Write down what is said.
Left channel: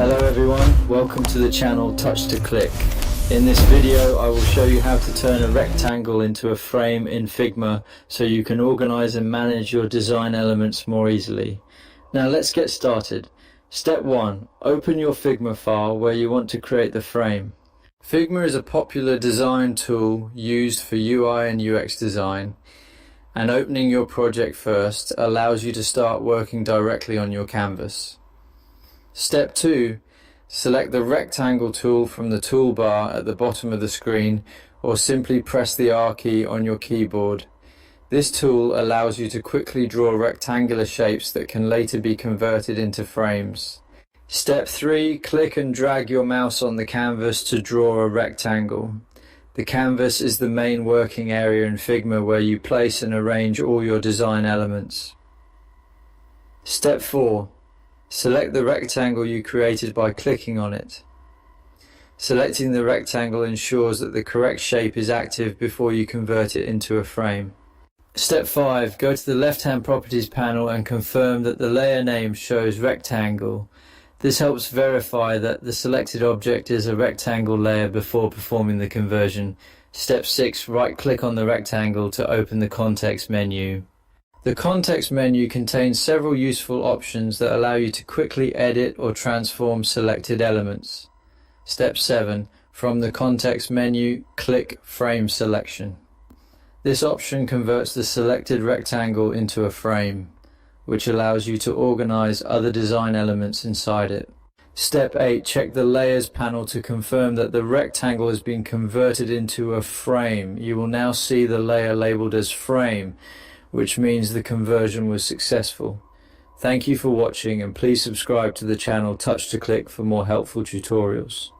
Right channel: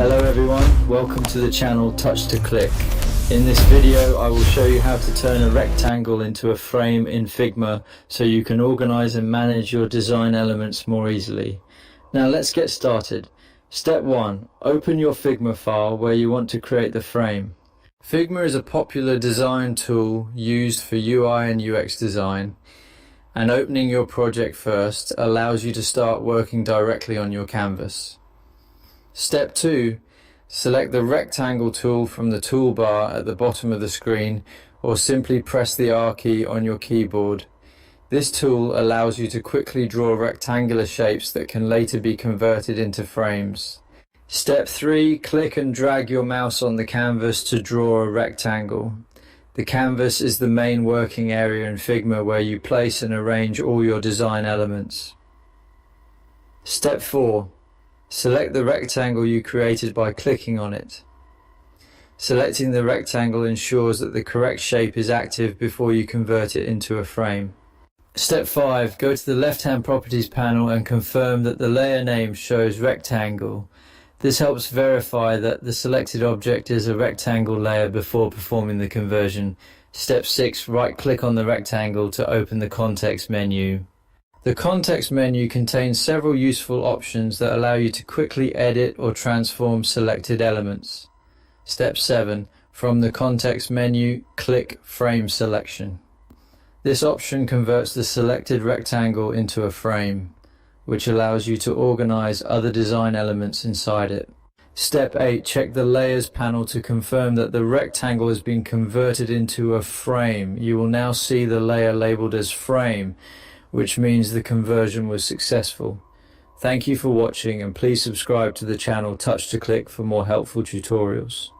Hello everyone, welcome to the channel Touch to Click. In this video I will show you how to turn a rectangle into a frame in Figma so you can organize and manage your design elements more easily. Now let's get started. Step 1. Open your Figma file where you want to create the frame. Figma is a popular design tool used for UI and UX design, and opening your project first allows you to start working directly on your canvas. Step 2. Select the rectangle tool from the toolbar at the bottom of the screen, or simply press the R key on your keyboard. This tool allows you to quickly draw rectangular shapes that can later be converted into frames. Step 3. Click and drag your mouse on the canvas to draw a rectangle. The canvas is the main working area in Figma where you place and arrange all your design elements. Step 4. Select the rectangle you created by clicking on it. Selecting the rectangle ensures that the correct shape is active before you convert it into a frame. Step 5. Go to the left-hand properties panel and confirm that the layer name shows rectangle. This helps verify that the selected object is a rectangle layer before performing the conversion. Step 6. Right-click on the rectangle to open the context menu. The context menu contains several useful options that allow you to quickly edit or transform selected elements. Step 7. From the context menu, click Frame Selection. This option converts the selected rectangle into a frame, which allows you to organize other design elements inside it. Step 8. Check the Layers panel to confirm that the rectangle has been converted into a frame. You will now see the layer labeled as Frame, which means the conversion was successful. Thank you for watching, and please subscribe to the channel Touch to Click for more helpful tutorials.